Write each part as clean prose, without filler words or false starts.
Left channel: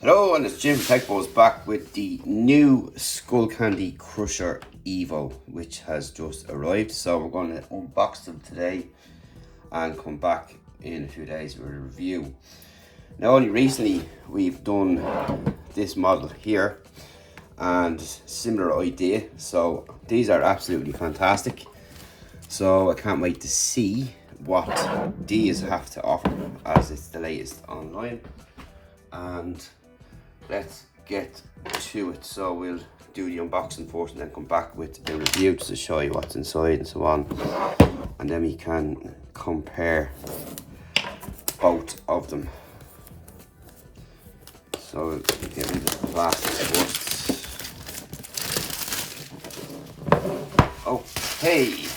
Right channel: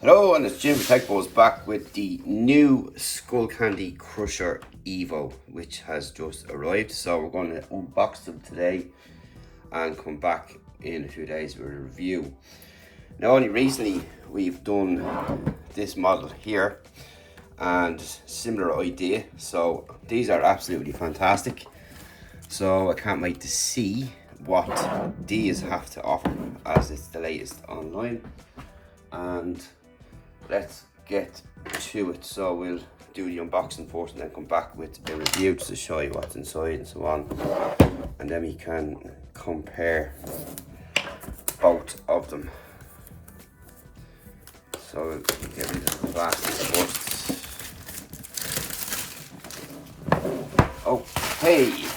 Hello, and it's Jim Techbo's back with the new Skullcandy Crusher Evo, which has just arrived. So we're going to unbox them today and come back in a few days with a review. Now, only recently we've done this model here and similar idea. So these are absolutely fantastic. So I can't wait to see what these have to offer, as it's the latest online. And let's get to it. So we'll do the unboxing first and then come back with the review to show you what's inside and so on, and then we can compare both of them. So we'll get rid of the plastic first. Okay,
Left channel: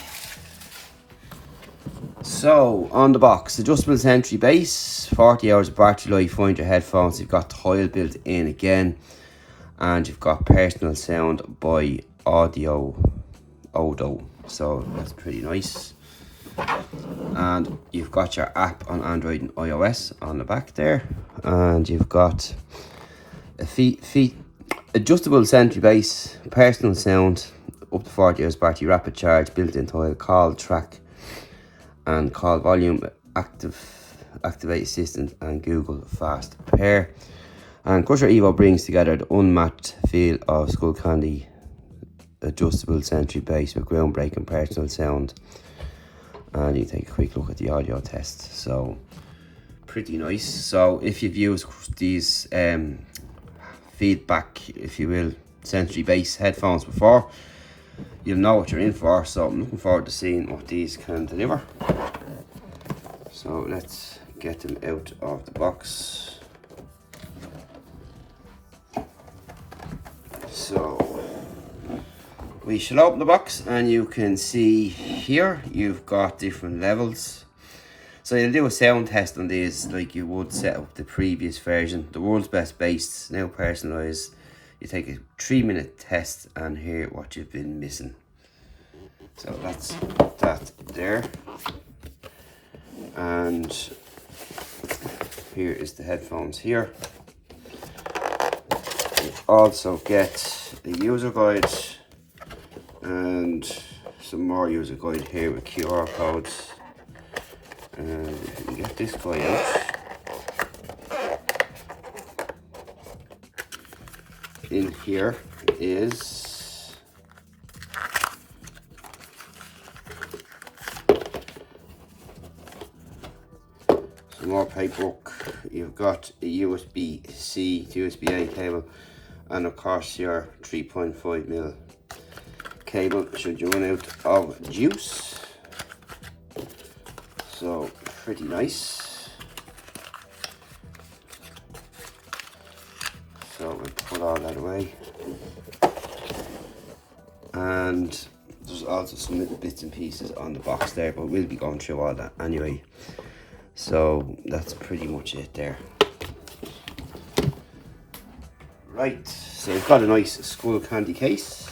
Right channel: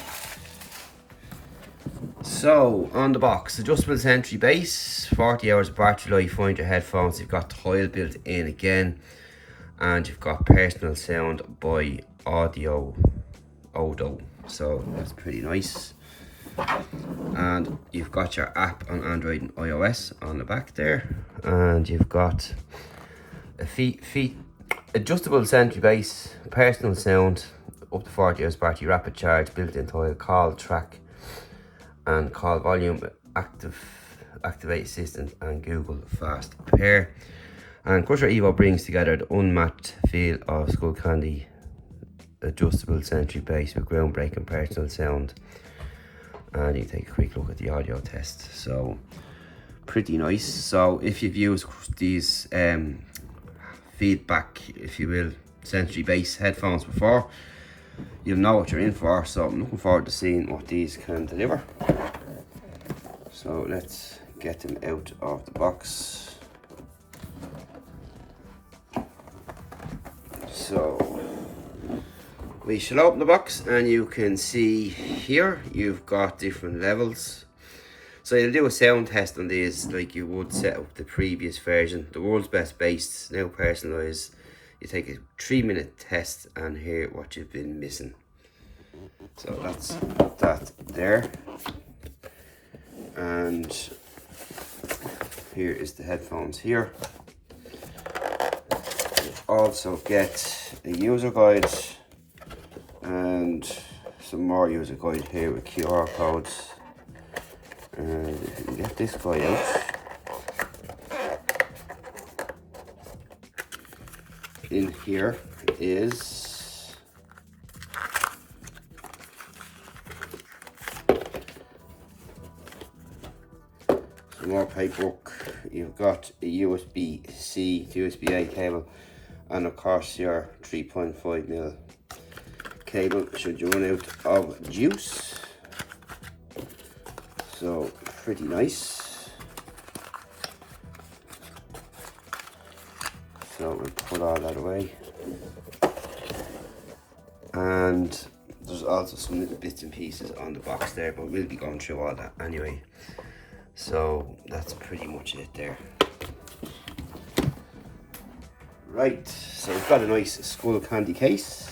so on the box, adjustable century base, 40 hours of battery life, find your headphones. You've got tile built in again, and you've got personal sound by Audio Odo, so that's pretty nice. And you've got your app on Android and iOS on the back there, and you've got a adjustable century base, personal sound, up to 40 hours battery, rapid charge, built-in tile, call track and call volume, activate assistant, and Google Fast Pair. And Crusher Evo brings together the unmatched feel of Skullcandy adjustable century base with groundbreaking personal sound. And you take a quick look at the audio test. So pretty nice. So if you've used these feedback, if you will, century base headphones before, you'll know what you're in for. So I'm looking forward to seeing what these can deliver. So let's get them out of the box. So we shall open the box, and you can see here you've got different levels. So you'll do a sound test on these like you would set up the previous version. The world's best bass, now personalised. You take a 3-minute test and hear what you've been missing. So that's that there. And here is the headphones here. You also get a user guide and some more user guide here with QR codes. And if you can get this guy out, in here is some more paperwork. You've got a USB-C to USB-A cable, and of course your 3.5mm cable should you run out of juice. So pretty nice. So we'll put all that away. And there's also some little bits and pieces on the box there, but we'll be going through all that anyway. So that's pretty much it there. Right, so we've got a nice Skullcandy case,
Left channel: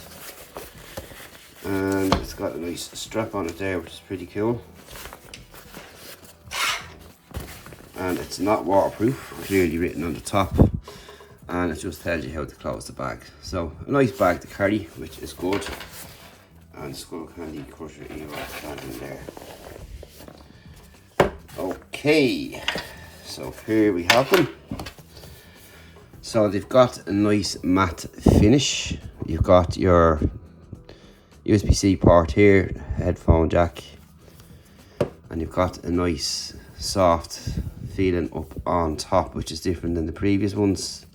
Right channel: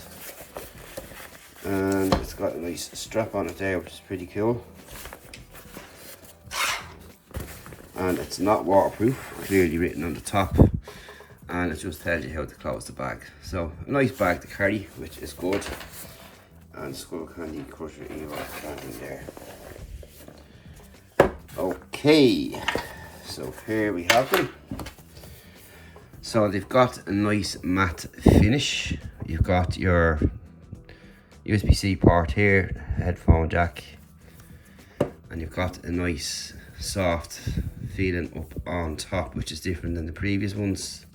and it's got a nice strap on it there, which is pretty cool. And it's not waterproof, clearly written on the top, and it just tells you how to close the bag. So a nice bag to carry, which is good. And Skullcandy Crusher Evo standing there. Okay, so here we have them. So they've got a nice matte finish. You've got your USB-C port here, headphone jack, and you've got a nice soft feeling up on top, which is different than the previous ones.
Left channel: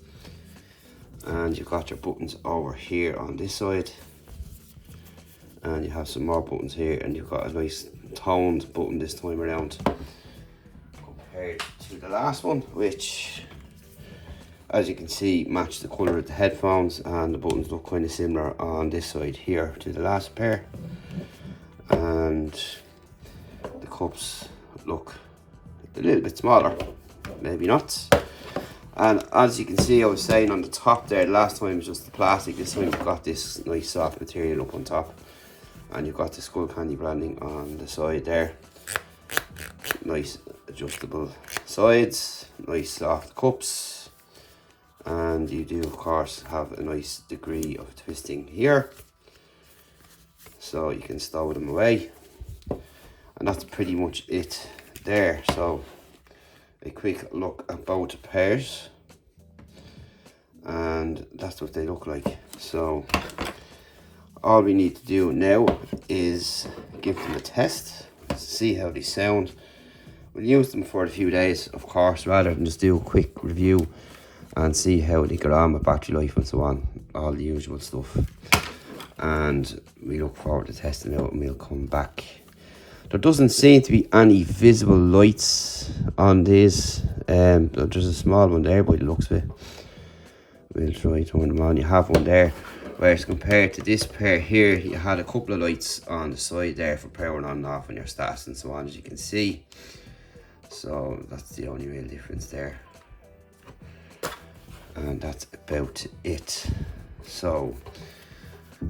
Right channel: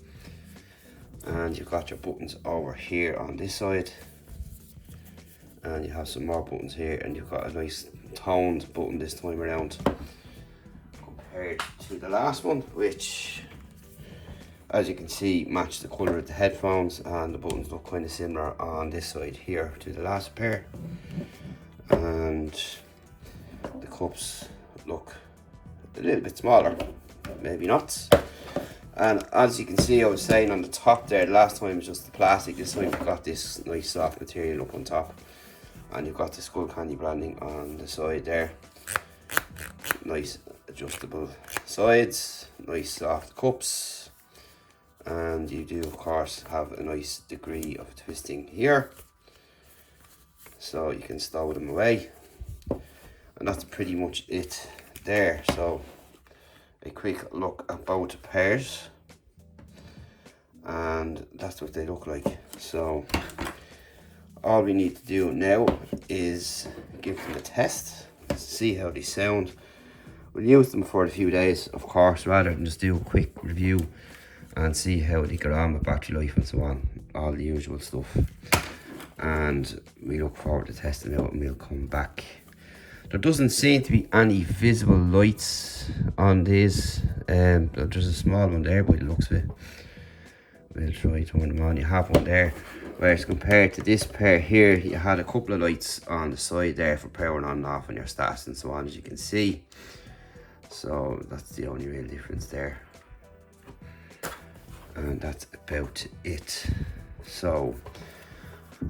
And you've got your buttons over here on this side, and you have some more buttons here, and you've got a nice toned button this time around compared to the last one, which, as you can see, match the colour of the headphones, and the buttons look kind of similar on this side here to the last pair, and the cups look a little bit smaller maybe not. And as you can see, I was saying on the top there, last time it was just the plastic. This time you've got this nice soft material up on top. And you've got the Skullcandy branding on the side there. Nice adjustable sides, nice soft cups. And you do of course have a nice degree of twisting here. So you can stow them away. And that's pretty much it there. So a quick look at both pairs, and that's what they look like. So all we need to do now is give them a test, see how they sound. We'll use them for a few days, of course, rather than just do a quick review and see how they get on with battery life and so on, all the usual stuff. And we look forward to testing out, and we'll come back. There doesn't seem to be any visible lights on these. There's a small one there by the looks of it. We'll try to turn them on. You have one there. Whereas compared to this pair here, you had a couple of lights on the side there for powering on and off on your stats and so on, as you can see. So that's the only real difference there. And that's about it. So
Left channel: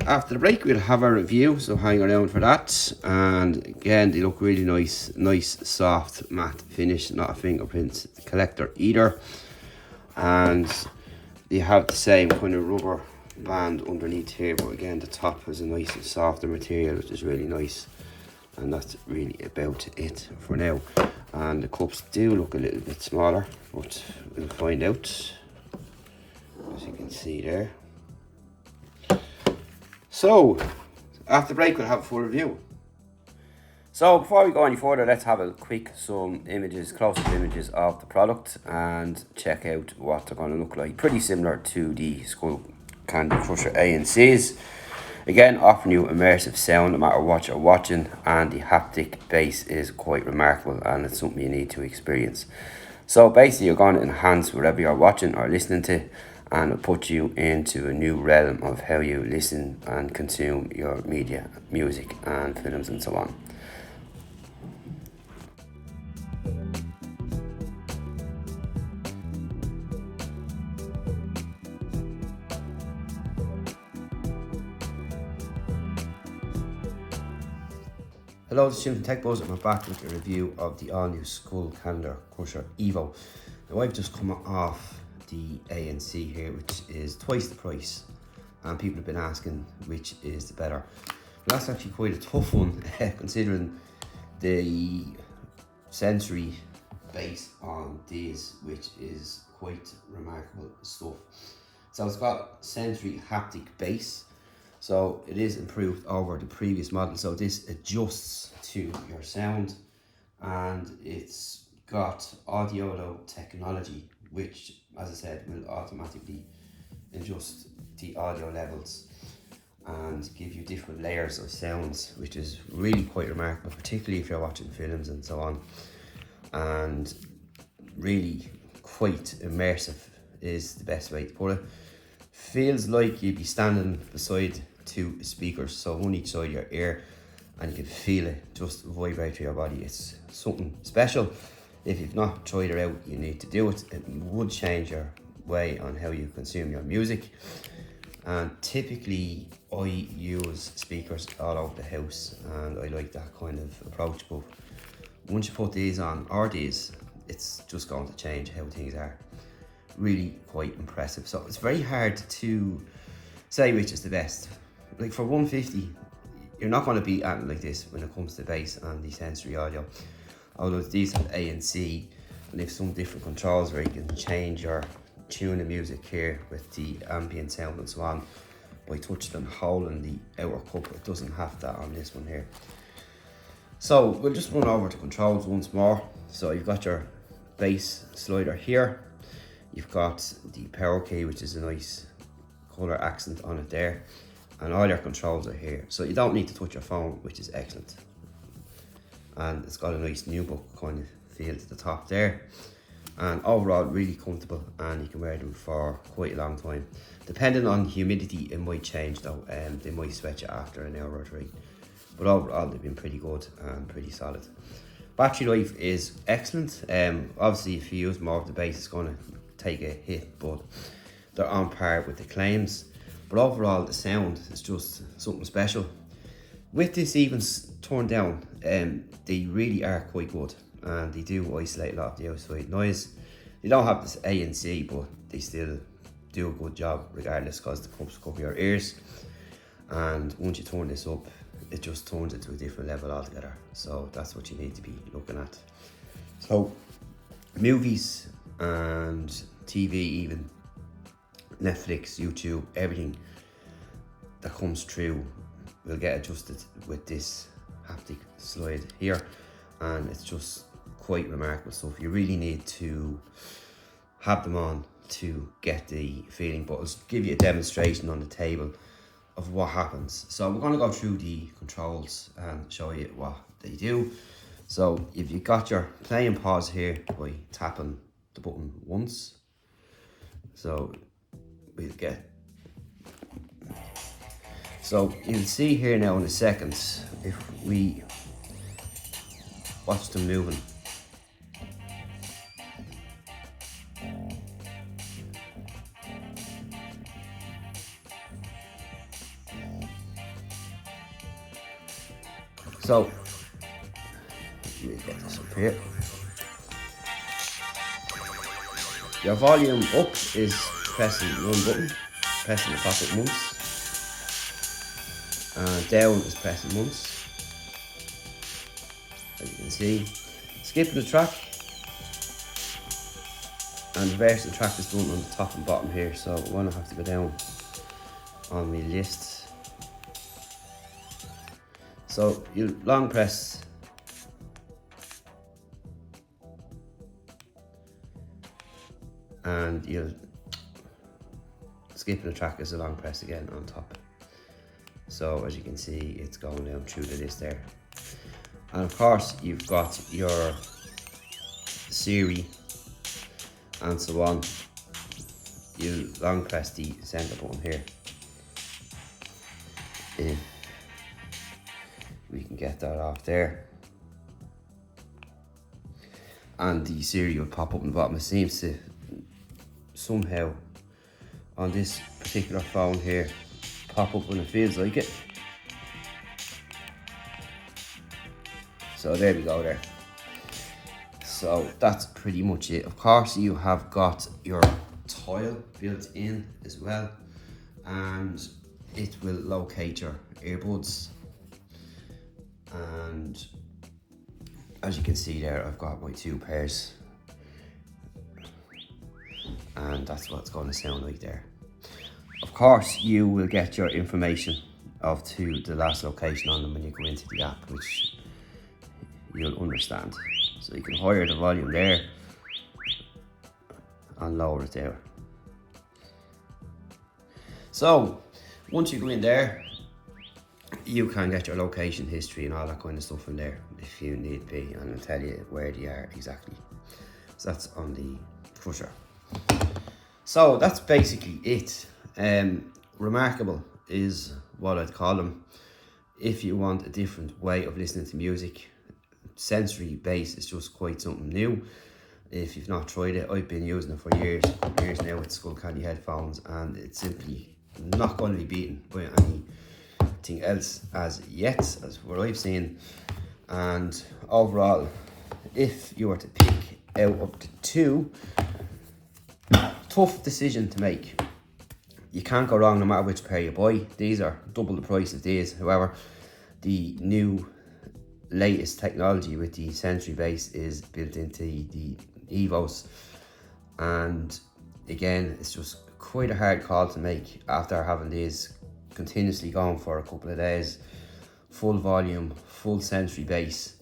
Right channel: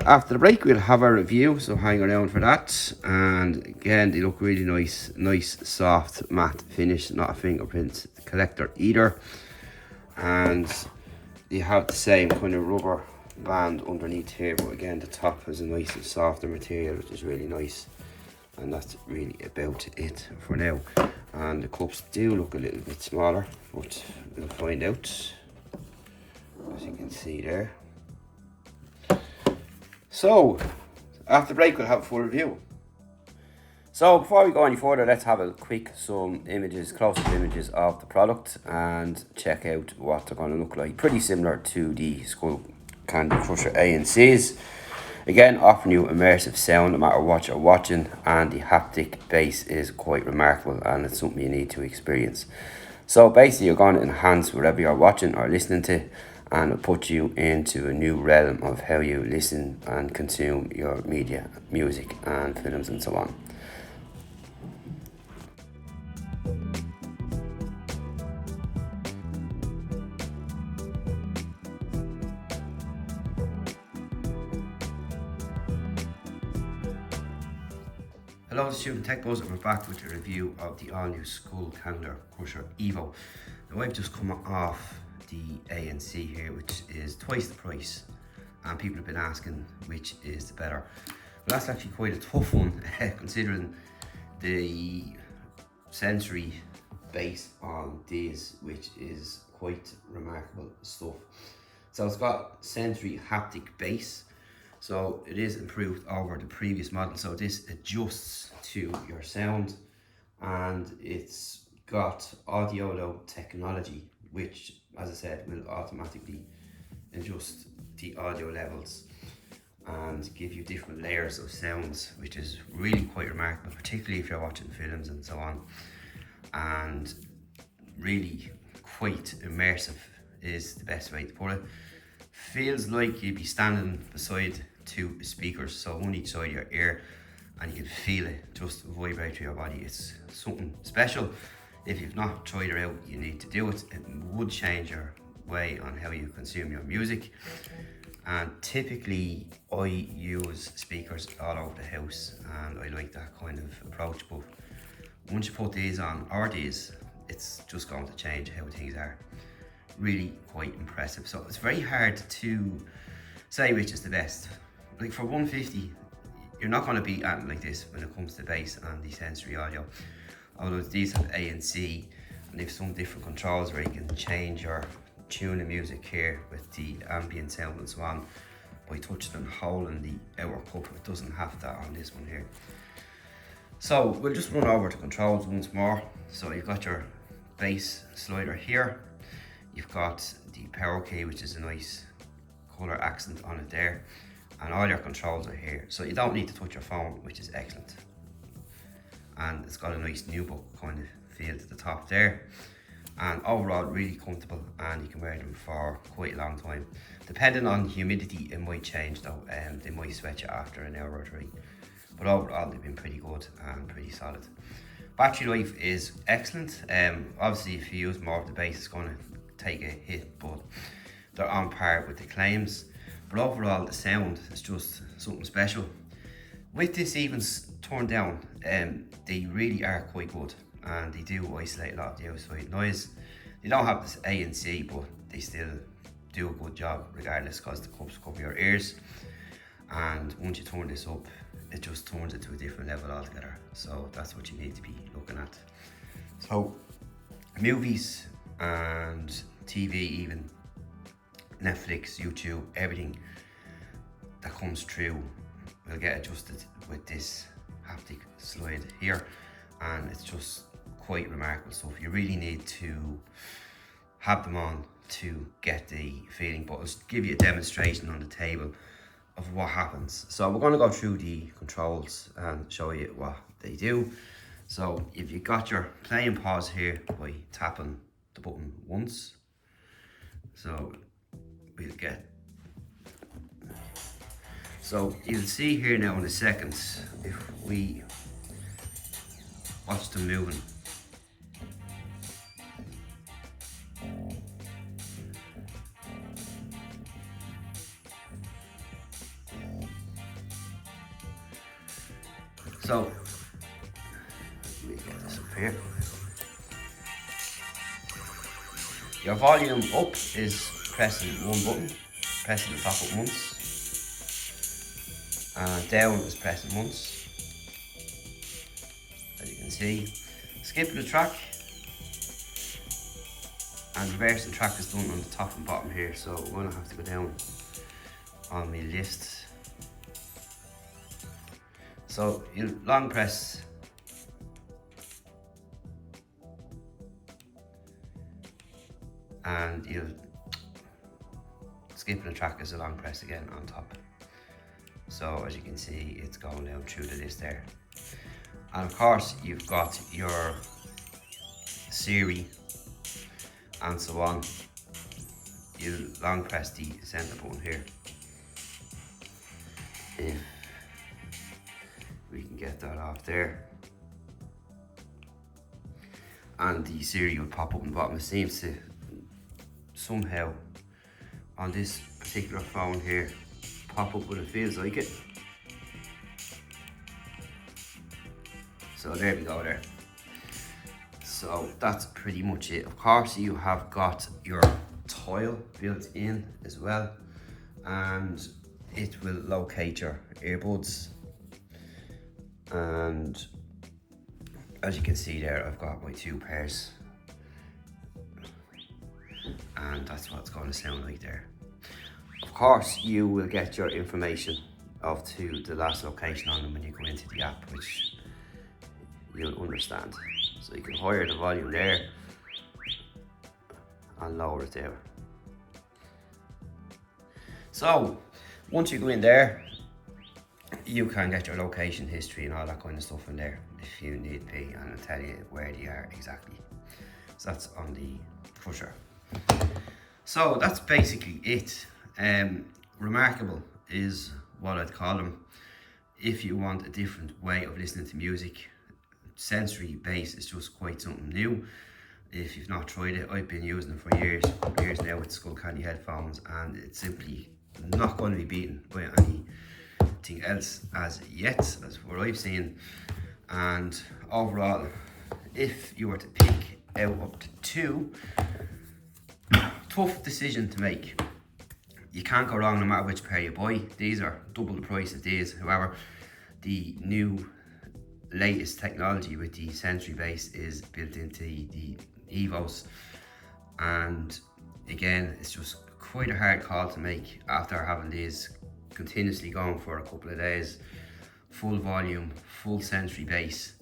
after the break, we'll have a review, so hang around for that. And again, they look really nice soft matte finish, not a fingerprint collector either. And you have the same kind of rubber band underneath here, but again the top has a nice and softer material, which is really nice. And that's really about it for now. And the cups do look a little bit smaller, but we'll find out, as you can see there. So, after break, we'll have a full review. So, before we go any further, let's have a quick some images, close-up images of the product and check out what they're going to look like. Pretty similar to the Skullcandy Crusher ANCs. Again, offering you immersive sound no matter what you're watching, and the haptic bass is quite remarkable, and it's something you need to experience. So, basically, you're going to enhance whatever you're watching or listening to, and it'll put you into a new realm of how you listen and consume your media, music and films and so on. Hello, this is Student Tech Buzz, and we're back with a review of the all-new Skullcandy Crusher Evo. Now, I've just come off the ANC here, which is twice the price, and people have been asking which is the better. Well, that's actually quite a tough one considering the sensory base on these, which is quite remarkable stuff. So it's got sensory haptic base, so it is improved over the previous model. So this adjusts to your sound, and it's got audio technology, which, as I said, will automatically adjust the audio levels and give you different layers of sounds, which is really quite remarkable, particularly if you're watching films and so on. And really quite immersive is the best way to put it. Feels like you'd be standing beside two speakers, so on each side of your ear, and you can feel it just vibrate through your body. It's something special. If you've not tried it out, you need to do it. It would change your way on how you consume your music. And typically I use speakers all over the house, and I like that kind of approach. But once you put these on, or these, it's just going to change how things are. Really quite impressive. So it's very hard to say which is the best. Like for 150, you're not going to beat anything like this when it comes to bass and the sensory audio. Although these have ANC, and they have some different controls where you can change your tune of music here with the ambient sound and so on by touching and holding the outer cup. It doesn't have that on this one here. So we'll just run over the controls once more. So you've got your bass slider here. You've got the power key, which is a nice colour accent on it there. And all your controls are here. So you don't need to touch your phone, which is excellent. And it's got a nice new book kind of feel to the top there. And overall really comfortable, and you can wear them for quite a long time. Depending on humidity, it might change though, they might sweat you after an hour or three. But overall they've been pretty good and pretty solid. Battery life is excellent. Obviously if you use more of the bass it's going to take a hit, but they're on par with the claims. But overall the sound is just something special. With this even turned down, they really are quite good, and they do isolate a lot of the outside noise. They don't have this ANC, but they still do a good job regardless, because the cups cover your ears, and once you turn this up it just turns it to a different level altogether. So that's what you need to be looking at. So movies and TV, even Netflix, YouTube, everything that comes through will get adjusted with this haptic slide here, and it's just quite remarkable stuff. You really need to have them on to get the feeling, but I'll give you a demonstration on the table of what happens. So we're going to go through the controls and show you what they do. So if you got your play and pause here by tapping the button once, so we'll get, so you'll see here now in a second if we watch them moving. So, let me put this up here. Your volume up is pressing one button, pressing the top button once, and down is pressing once, as you can see. Skipping the track and reversing the track is done on the top and bottom here, so we're going to have to go down on my list. So you long press and you'll skip the track as a long press again on top. So as you can see, it's going down through the list there. And of course you've got your Siri and so on. You long press the center button here. We can get that off there, and the Siri will pop up in the bottom. It seems to somehow on this particular phone here pop up when it feels like it. So there we go there. So that's pretty much it. Of course you have got your tile built in as well, and it will locate your earbuds. And as you can see there, I've got my two pairs, and that's what it's going to sound like there. Of course you will get your information of to the last location on them when you go into the app, which you'll understand. So you can higher the volume there and lower it there. So once you go in there, you can get your location history and all that kind of stuff in there if you need be, and it'll tell you where they are exactly. So that's on the Crusher. So that's basically it. Remarkable is what I'd call them. If you want a different way of listening to music, sensory bass is just quite something new. If you've not tried it, I've been using it for years now with Skullcandy headphones, and it's simply not going to be beaten by anything else as yet, as what I've seen. And overall, if you were to pick out up to two, tough decision to make. You can't go wrong no matter which pair you buy. These are double the price of these. However, the new latest technology with the sensory bass is built into the Evos, and again, it's just quite a hard call to make after having these continuously going for a couple of days. Full volume, full sensory bass.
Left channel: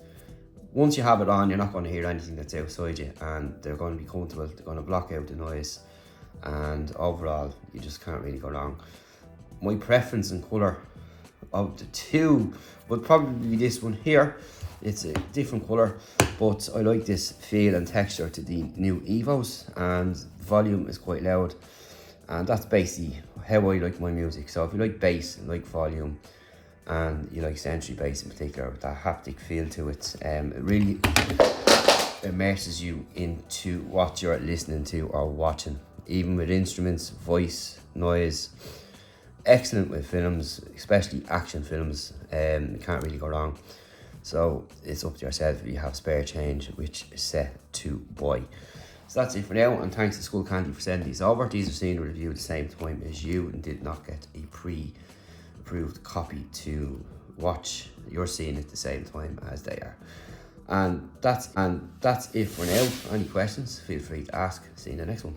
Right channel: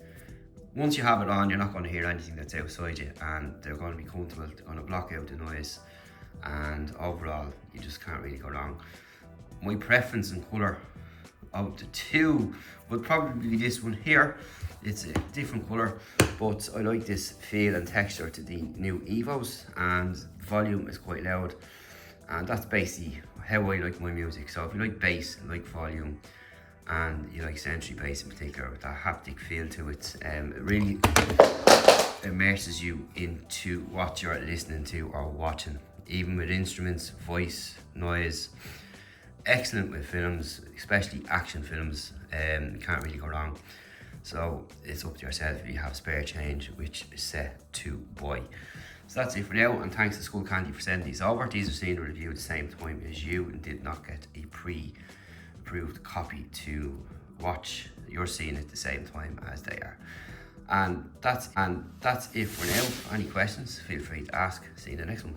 Once you have it on, you're not going to hear anything that's outside you, and they're going to be comfortable. They're going to block out the noise, and overall you just can't really go wrong. My preference in colour of the two would probably be this one here. It's a different colour, but I like this feel and texture to the new Evos, and volume is quite loud, and that's basically how I like my music. So if you like bass and like volume and you like Sentry bass in particular, with that haptic feel to it. It really immerses you into what you're listening to or watching, even with instruments, voice, noise. Excellent with films, especially action films. Can't really go wrong. So it's up to yourself if you have spare change which set to buy. So that's it for now, and thanks to Skullcandy for sending these over. These are seen in review at the same time as you and did not get a pre-approved copy to watch. You're seeing it at the same time as they are. And that's it for now. Any questions, feel free to ask. See you in the next one.